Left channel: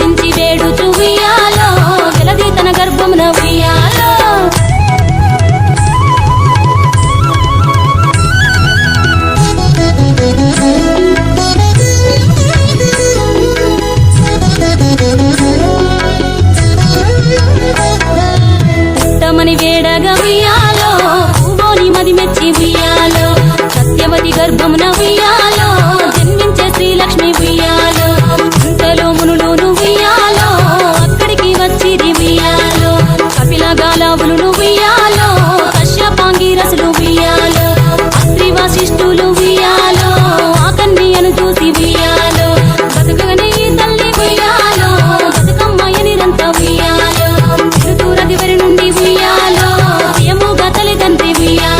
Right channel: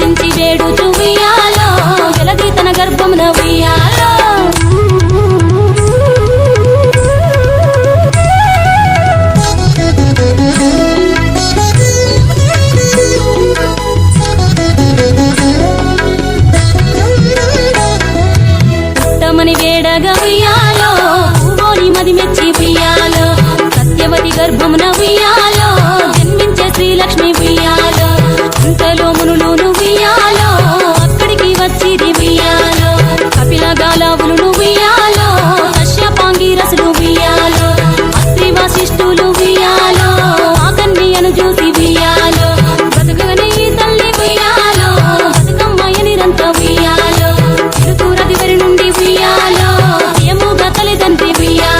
వినుతించి వేడుచు ఉయ్యాలో వెలది తన గర్భమున ఉయ్యాలో. పుట్టమని వేడగా ఉయ్యాలో పూవోని మది మెచ్చి ఉయ్యాలో. సత్యవతి గర్భమున ఉయ్యాలో జన్మించే శ్రీలక్ష్మి ఉయ్యాలో. కపిల గాలావులు ఉయ్యాలో కశ్యపాంగి రసులు ఉయ్యాలో అత్రి వశిష్ఠులు ఉయ్యాలో ఆ కన్యను చూసి ఉయ్యాలో బతుకగనే ఈ తల్లి ఉయ్యాలో బతుకమ్మాయ నిరంత ఉయ్యాలో ఋతురది వరి నుండి ఉయ్యాలో ప్రియముగా తల్లిదండ్రి ఉయ్యాలో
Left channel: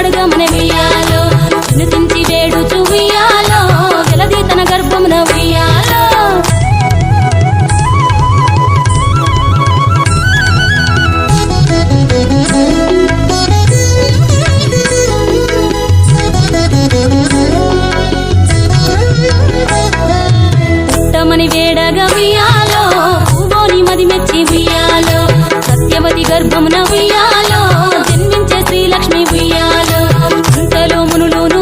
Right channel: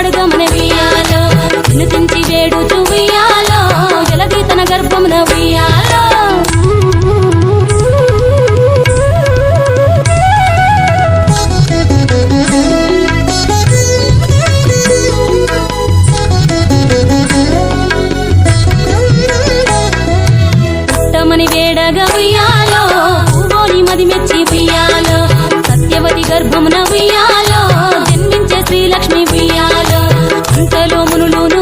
కలికి వరమడుగమన ఉయ్యాలో వినుతించి వేడుచు ఉయ్యాలో వెలది తన గర్భమున ఉయ్యాలో. మని వేడగా ఉయ్యాలో. పువ్వోని మది మెచ్చి ఉయ్యాలో. సత్యవతి గర్భమున ఉయ్యాలో. జన్మించే శ్రీలక్ష్మి ఉయ్యాలో. అంతలో